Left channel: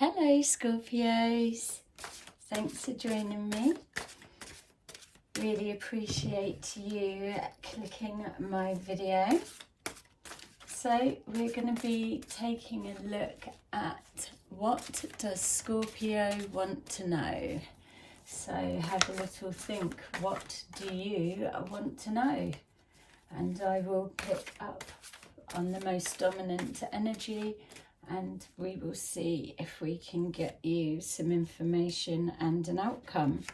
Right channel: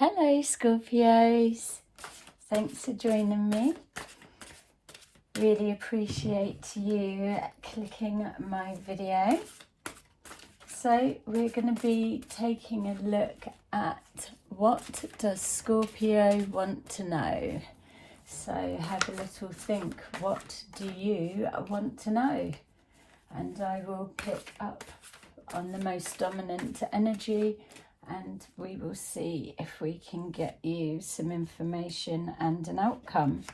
Hello Scorpios, thanks for joining me. Really appreciate you clicking my video. So we're going to be taking a look at what does Scorpio want to know. So have a little think, what do you want to know? And I will pick up on the most dominant energy and we will see if we can get you some information and an outcome.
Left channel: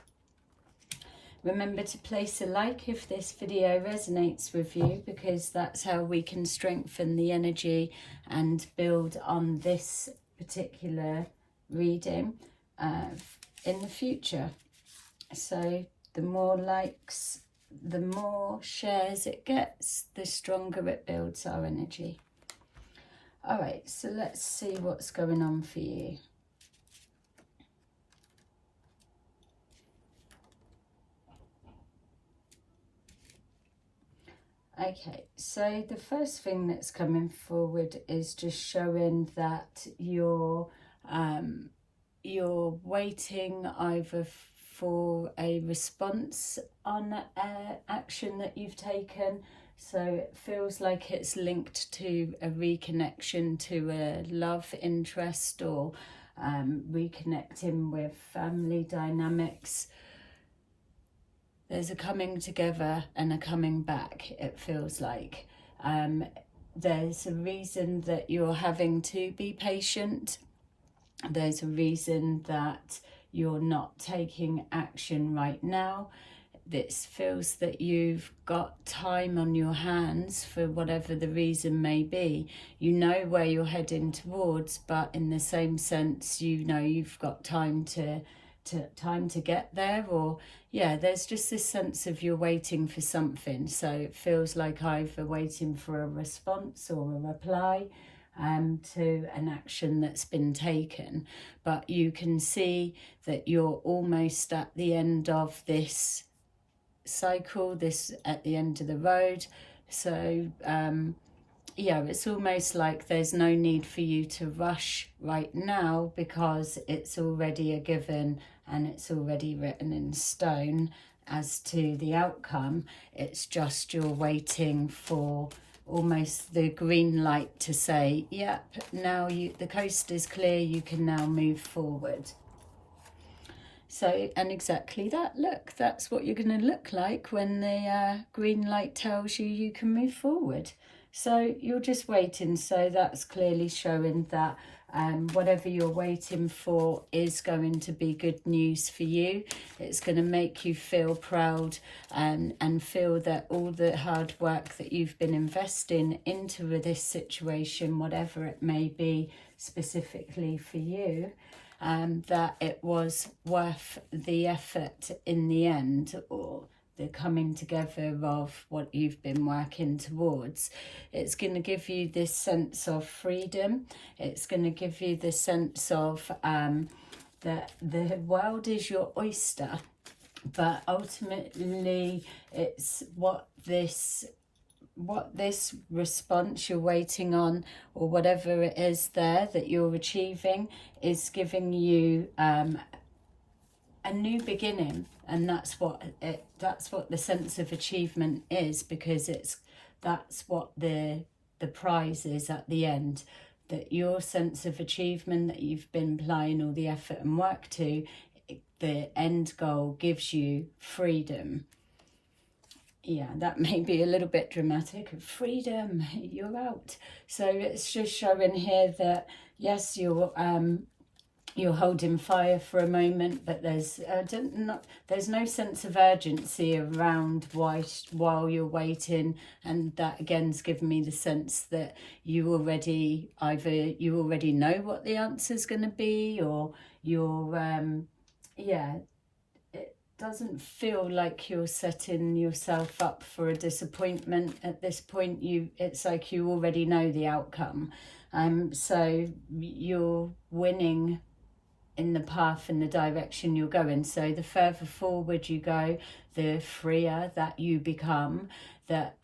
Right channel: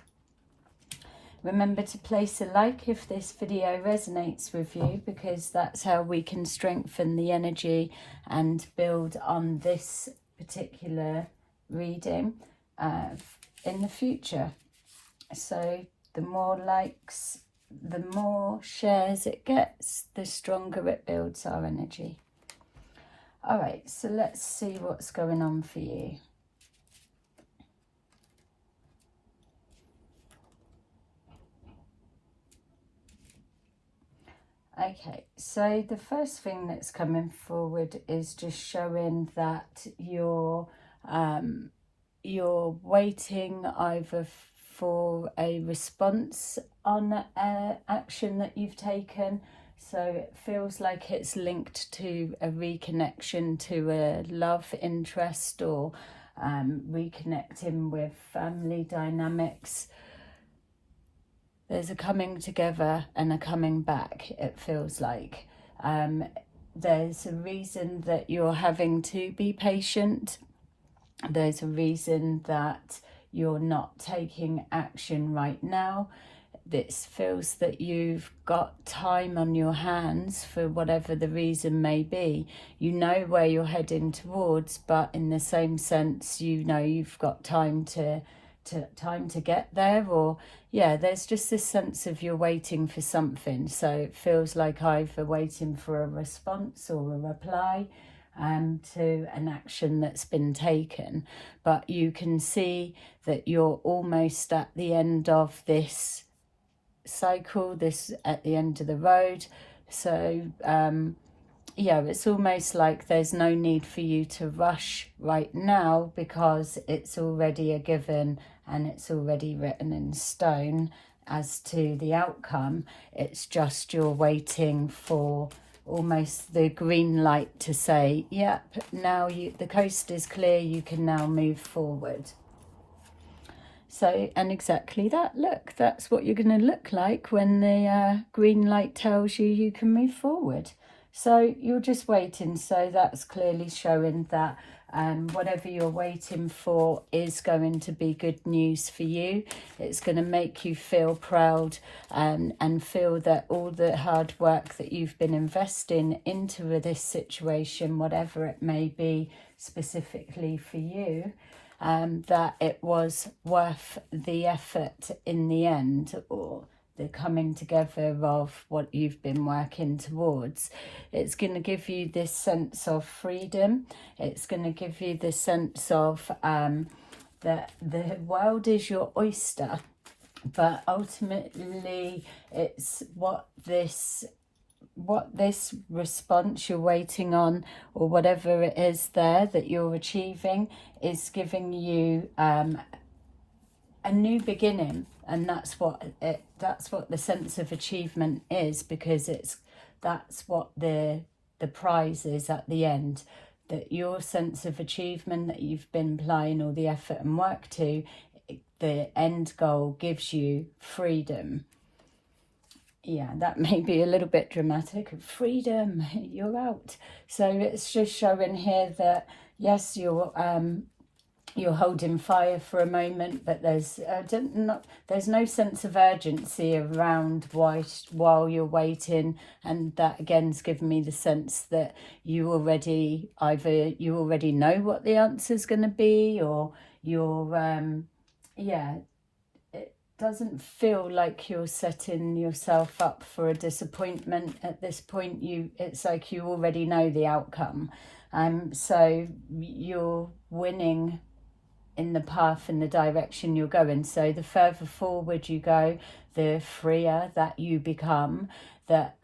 Remember to place a like if this video resonates with you, because that's how we can strengthen the energy and build on this particular reading in the future. So the more likes, the more shares it gets, the stronger it builds our energy. All right, so let's see what's going on for you. Okay, so the first thing that's coming forward is just showing that you're waiting either for a response on action that you've taken. So it feels like it's linked to a reconnection to a love interest, or reconnecting with family dynamics. There's a coming together and a coming back, it feels like. There's a reason that you're having to be patient. There's a reason that you're not taking action right now. This feels that you've got time on your hands for whatever the reason may be. You know where you're heading towards, but in the same sense, you know you've got time to get there. Or yeah, there's just this sense of you're waiting for something. So it feels like either waiting for a response or a reply to an action that's been taken. But you can see that you're almost at the end of this cycle, this at the end of the road. So yeah, it's almost like there's no need for you to rush right now, because it's already a given and it's already written in stone as to the outcome. It's just you're waiting for almost the green light to say, yep, now the coast is clear, you can now move forward. So, and exactly that, look, that's what you're going to look like when the green light tells you you can move forward. So you're just waiting. So that's clearly showing that whatever you're waiting for is going to be good news for you. It's going to make you feel proud and feel that all the hard work that you've been investing into this situation, whatever it may be specifically for you, that it was worth the effort in the end, or the coming together of what you've been working towards. It's going to give you this sense of freedom. It's going to give you the sense of that the world is your oyster, but ultimately it's what this response you're waiting on, or whatever it is there that you're achieving, is giving you a new beginning. And that's what the sense of achievement is, because that's what the prize is at the end. That your sense of achievement that you've been applying all the effort and work to, the end goal gives you freedom. Yeah, that may be a little bit dramatic. Freedom, you're out. So it's just showing here that yes, you're holding fire for a moment, but there's no sense of urgency around while you're waiting. And that again's given me the sense that you already know what the answer's going to be, or you're doesn't feel like you're setting yourself up for a disappointment at this point. It's like you already know the outcome. So you're winning in the path and the direction you're going. So the further forward you go, the freer that you become, that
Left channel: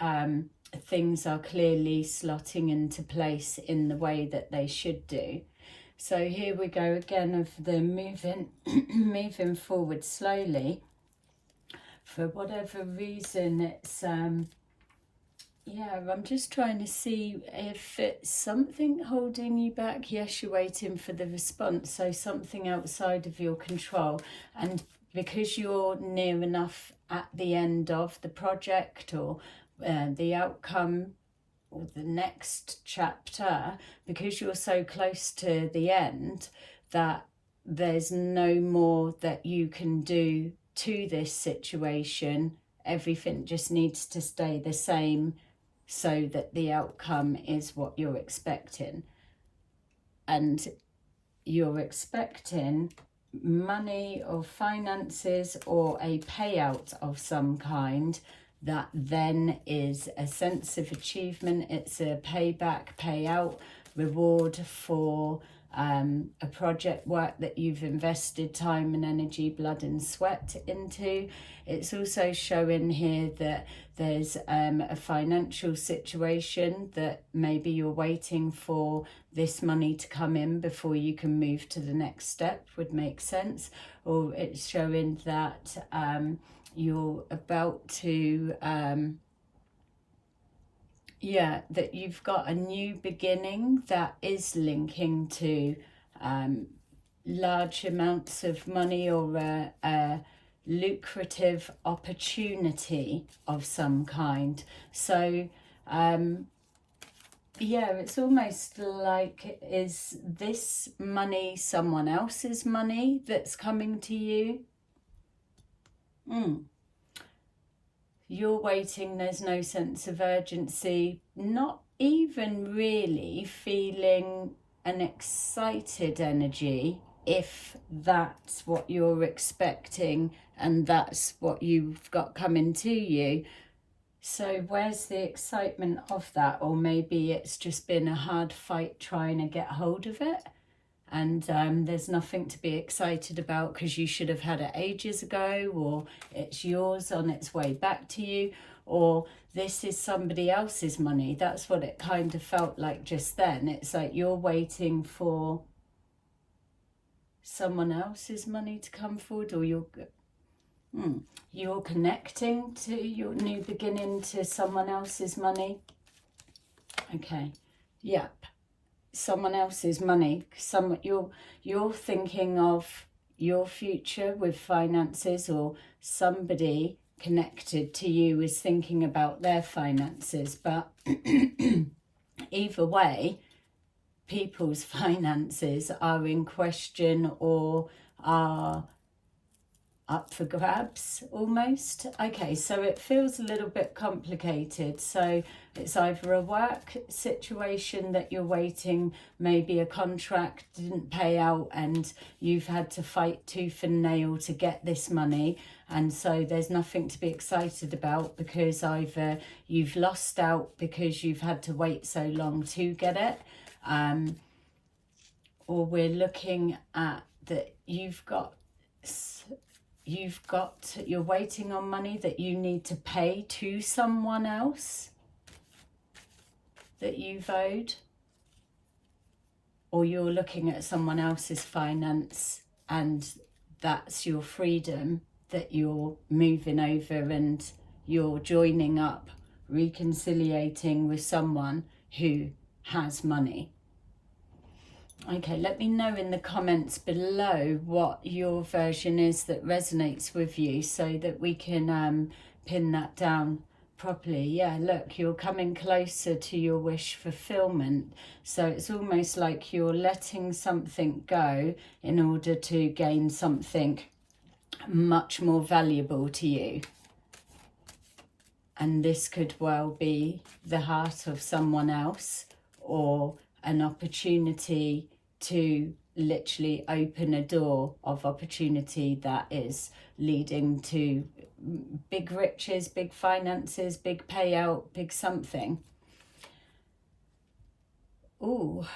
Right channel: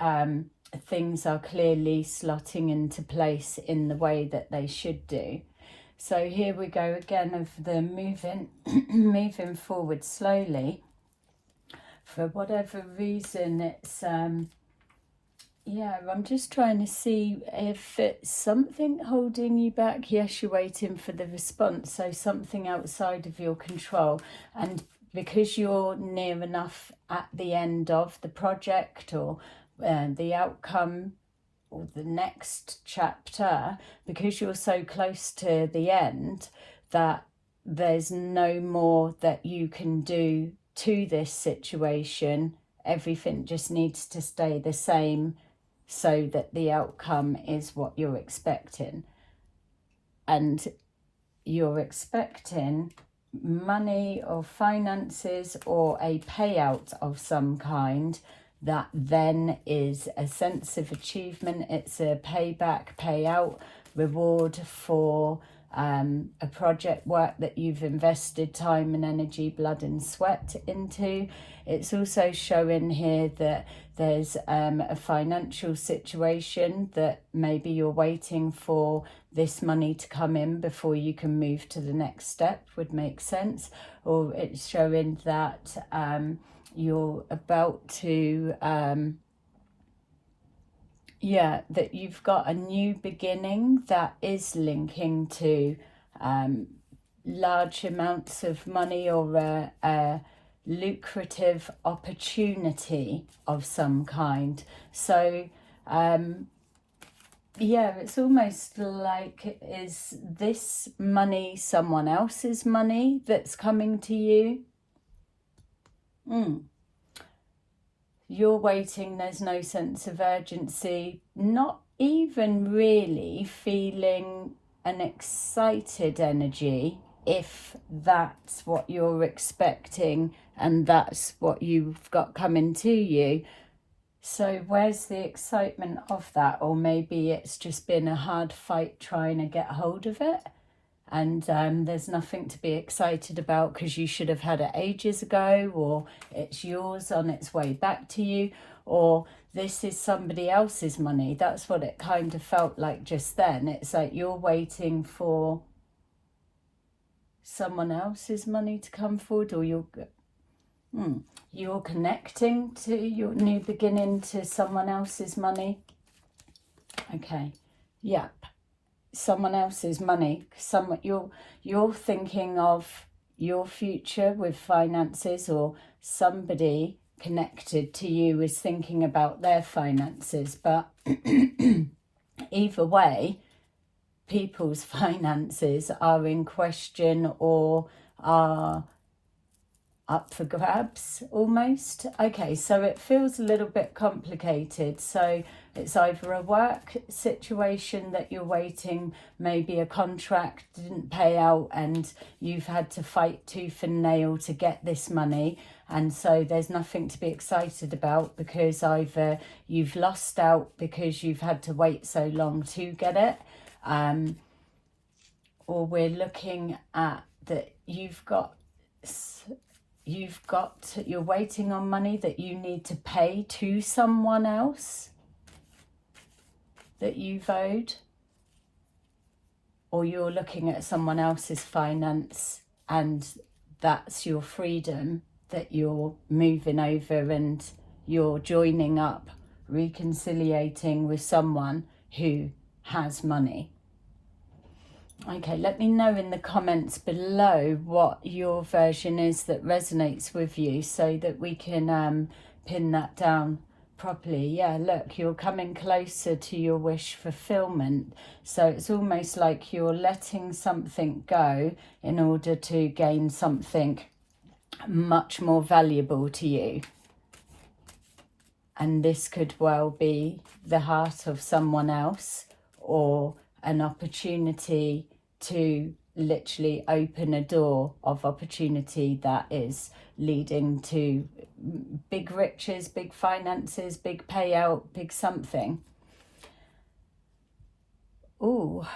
things are clearly slotting into place in the way that they should do. So here we go again of the moving forward slowly. For whatever reason, it's yeah, I'm just trying to see if it's something holding you back. Yes, you're waiting for the response, so something outside of your control. And because you're near enough at the end of the project or the outcome or the next chapter, because you're so close to the end, that there's no more that you can do to this situation. Everything just needs to stay the same so that the outcome is what you're expecting. And you're expecting money or finances or a payout of some kind that then is a sense of achievement. It's a payback, payout, reward for a project work that you've invested time and energy, blood and sweat into. It's also showing here that there's a financial situation that maybe you're waiting for this money to come in before you can move to the next step, would make sense. Or it's showing that you're about to that you've got a new beginning that is linking to large amounts of money or a lucrative opportunity of some kind. So yeah, it's almost like, is this money someone else's money that's coming to you? You're waiting, there's no sense of urgency, not even really feeling an excited energy, if that's what you're expecting and that's what you've got coming to you. So where's the excitement of that? Or maybe it's just been a hard fight trying to get hold of it, and there's nothing to be excited about because you should have had it ages ago, or it's yours on its way back to you, or this is somebody else's money. That's what it kind of felt like just then. It's like you're waiting for someone else's money to come forward, or you're connecting to your new beginning to someone else's money. Okay, yep. Someone else's money. You're thinking of your future with finances, or somebody connected to you is thinking about their finances. But either way, people's finances are in question or are up for grabs almost. Okay, so it feels a little bit complicated. So it's either a work situation that you're waiting, maybe a contract didn't pay out and you've had to fight tooth and nail to get this money, and so there's nothing to be excited about because either you've lost out because you've had to wait so long to get it, or we're looking at that you're waiting on money that you need to pay to someone else that you've owed, or you're looking at someone else's finance and that's your freedom that you're moving over, and you're joining up, reconciliating with someone who has money. Okay, let me know in the comments below what your version is that resonates with you so that we can pin that down properly. Yeah, look, you're coming closer to your wish fulfillment. So it's almost like you're letting something go in order to gain something much more valuable to you. And this could well be the heart of someone else, or an opportunity to literally open a door of opportunity that is leading to big riches, big finances, big payout, big something. Ooh.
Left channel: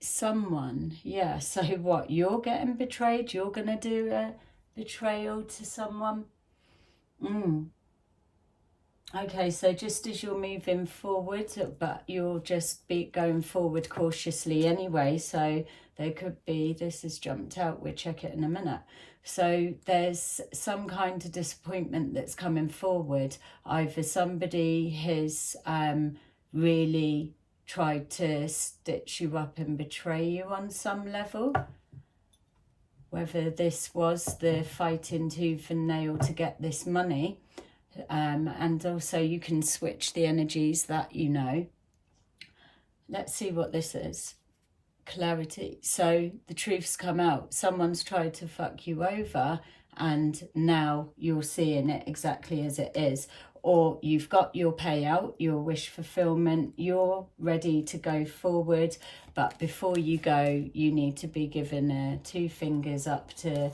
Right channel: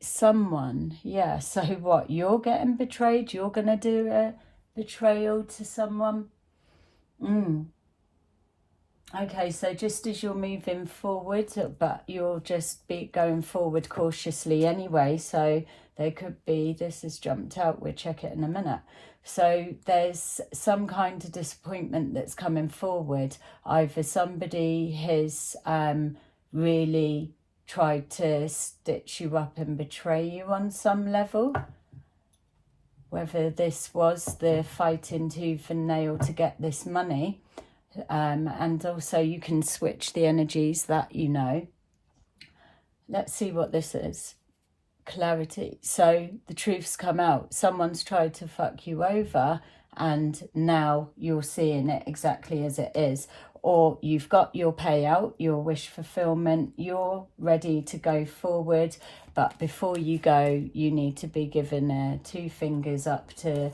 Someone, yeah. So what, you're getting betrayed? You're going to do a betrayal to someone? Okay, so just as you're moving forward, but you'll just be going forward cautiously anyway. So there could be, this has jumped out, we'll check it in a minute. So there's some kind of disappointment that's coming forward. Either somebody has really tried to stitch you up and betray you on some level. Whether this was the fighting tooth and nail to get this money. And also you can switch the energies that you know. Let's see what this is. Clarity. So the truth's come out. Someone's tried to fuck you over and now you're seeing it exactly as it is. Or you've got your payout, your wish fulfillment, you're ready to go forward. But before you go, you need to be given 2 fingers up to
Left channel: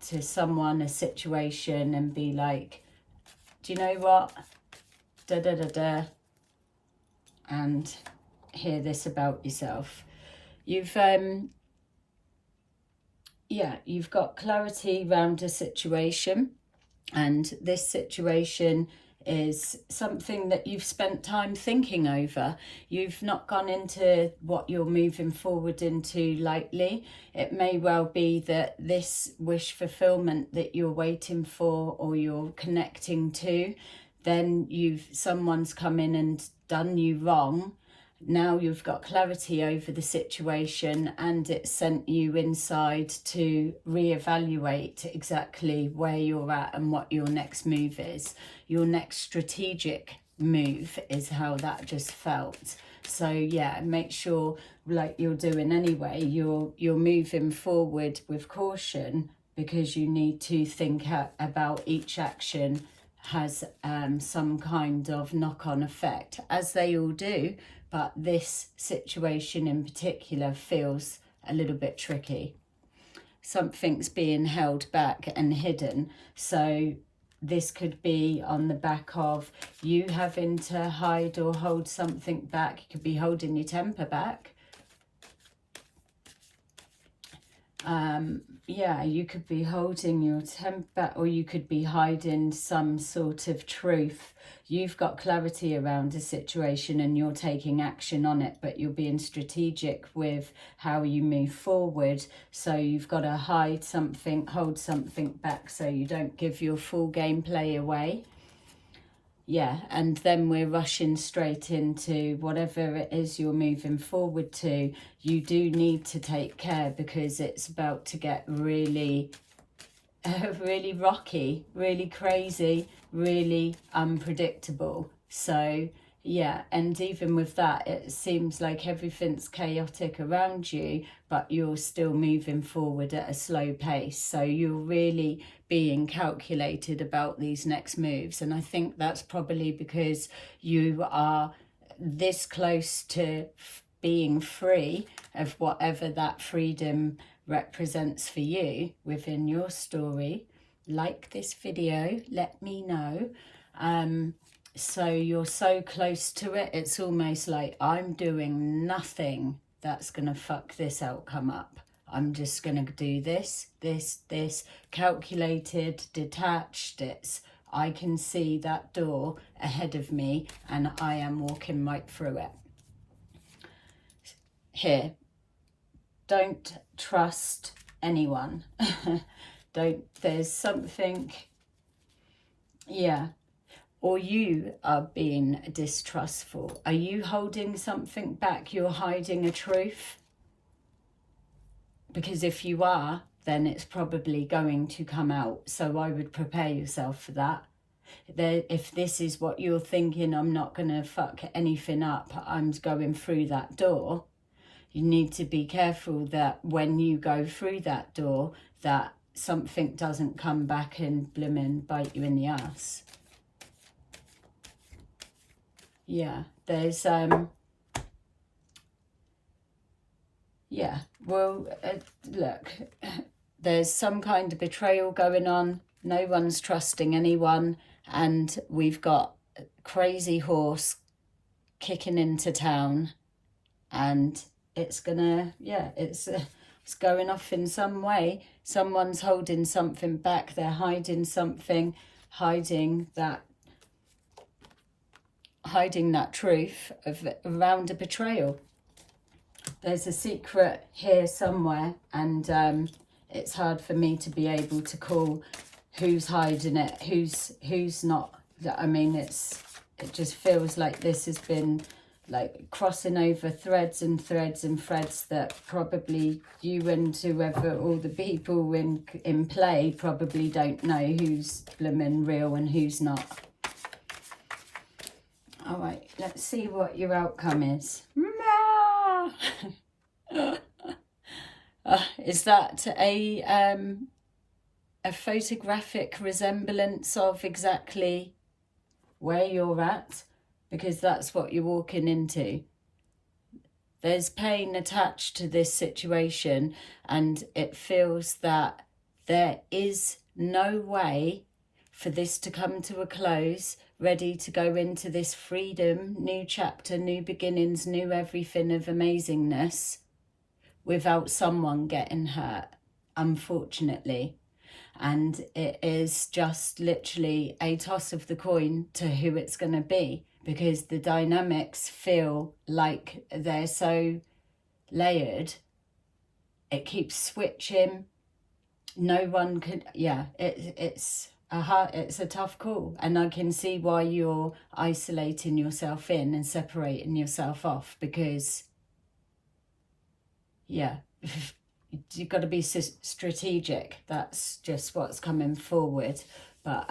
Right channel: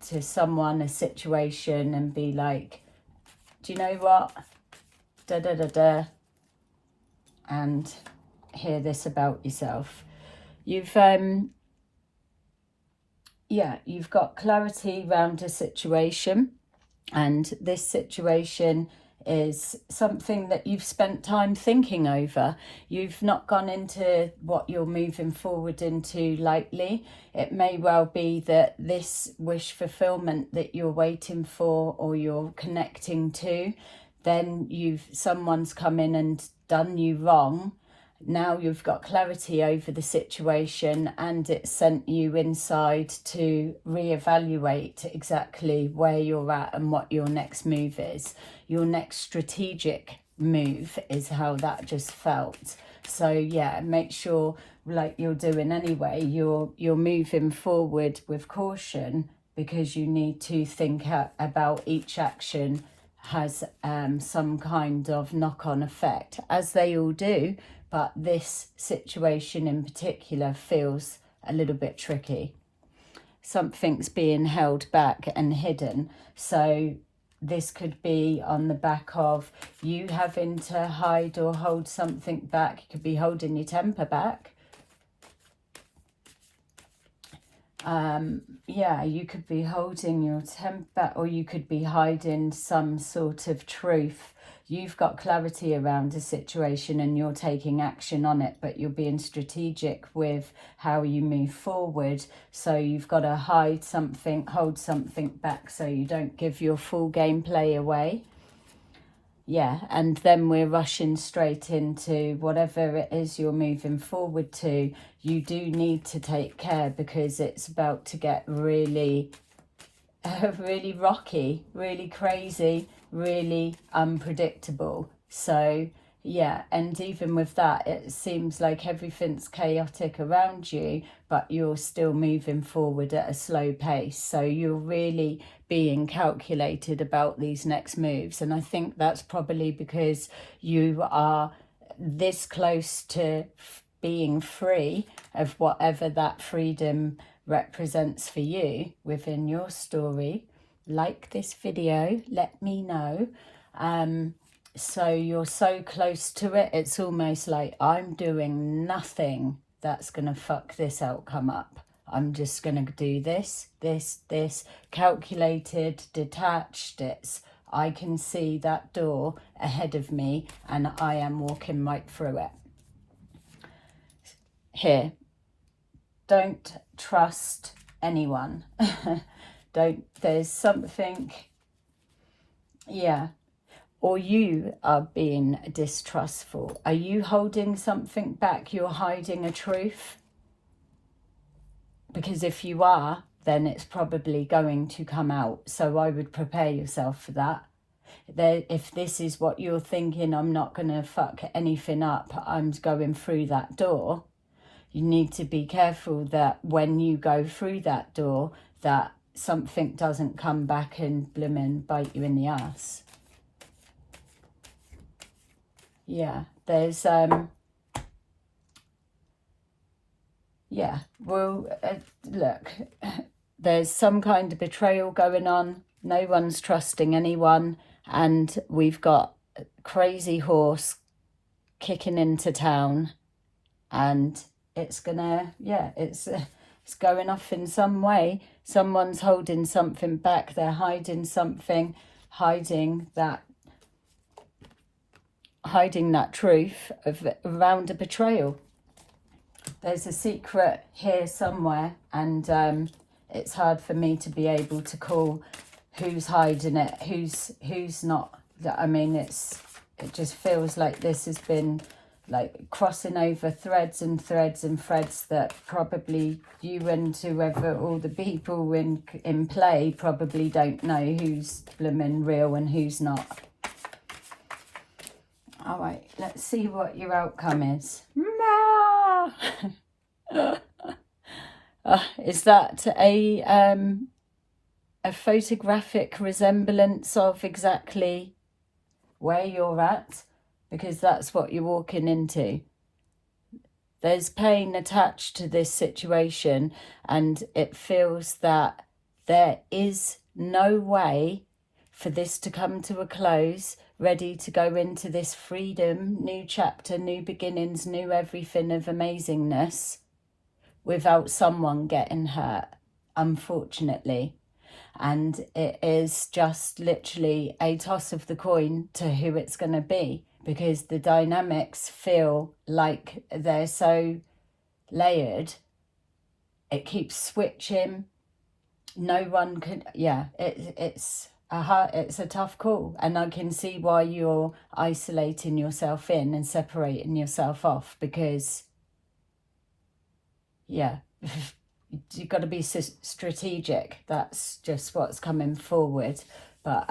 someone, a situation, and be like, do you know what? Da da da da. And hear this about yourself. You've you've got clarity around a situation, and this situation is something that you've spent time thinking over. You've not gone into what you're moving forward into lightly. It may well be that this wish fulfillment that you're waiting for or you're connecting to, then someone's come in and done you wrong. Now you've got clarity over the situation and it sent you inside to reevaluate exactly where you're at and what your next move is. Your next strategic move is how that just felt. So yeah, make sure, like you're doing anyway, you're moving forward with caution, because you need to think about each action has some kind of knock-on effect, as they all do. But this situation in particular feels a little bit tricky. Something's being held back and hidden. So this could be on the back of you having to hide or hold something back. You could be holding your temper back. Yeah, you could be holding your temper back, or you could be hiding some sort of truth. You've got clarity around a situation and you're taking action on it, but you're being strategic with how you move forward. So you've got to hide something, hold something back so you don't give your full gameplay away. Yeah, and then we're rushing straight into whatever it is you're moving forward to. You do need to take care, because it's about to get really really rocky, really crazy, really unpredictable. So yeah, and even with that, it seems like everything's chaotic around you, but you're still moving forward at a slow pace. So you're really being calculated about these next moves. And I think that's probably because you are this close to being free of whatever that freedom represents for you within your story. Like this video, let me know. So you're so close to it, it's almost like I'm doing nothing that's gonna fuck this outcome up. I'm just gonna do this, calculated, detached. I can see that door ahead of me and I am walking right through it. Here, don't trust anyone. There's something, yeah, or you are being distrustful. Are you holding something back? You're hiding a truth? Because if you are, then it's probably going to come out. So I would prepare yourself for that. If this is what you're thinking, I'm not going to fuck anything up, I'm going through that door, you need to be careful that when you go through that door, that something doesn't come back and blimmin' bite you in the ass. Yeah, there's, yeah, well, look, there's some kind of betrayal going on. No one's trusting anyone. And we've got a crazy horse kicking into town. And it's gonna, yeah, it's going off in some way. Someone's holding something back. They're hiding something, hiding that hiding that truth around a betrayal. There's a secret here somewhere, and it's hard for me to be able to call who's hiding it, who's not. I mean, it just feels like this has been like crossing over threads and threads and threads that probably you and whoever, all the people in play, probably don't know who's blooming real and who's not. All right, let's see what your outcome is. Is that a photographic resemblance of exactly where you're at? Because that's what you're walking into. There's pain attached to this situation, and it feels that there is no way for this to come to a close, ready to go into this freedom, new chapter, new beginnings, new everything of amazingness, without someone getting hurt, unfortunately. And it is just literally a toss of the coin to who it's going to be, because the dynamics feel like they're so layered. It keeps switching. No one could, yeah, it's a tough call. And I can see why you're isolating yourself in and separating yourself off, because, yeah, you've got to be strategic. That's just what's coming forward. But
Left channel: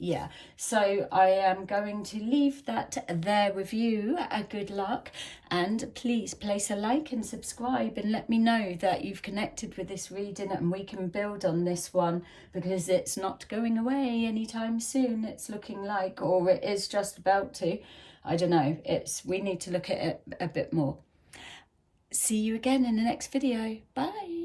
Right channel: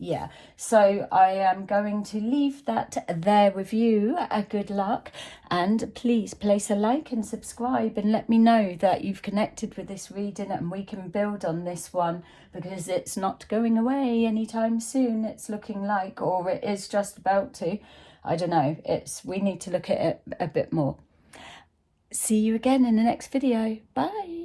yeah, so I am going to leave that there with you. Good luck, and please place a like and subscribe and let me know that you've connected with this reading, and we can build on this one, because it's not going away anytime soon, it's looking like, or it is just about to. I don't know, we need to look at it a bit more. See you again in the next video. Bye.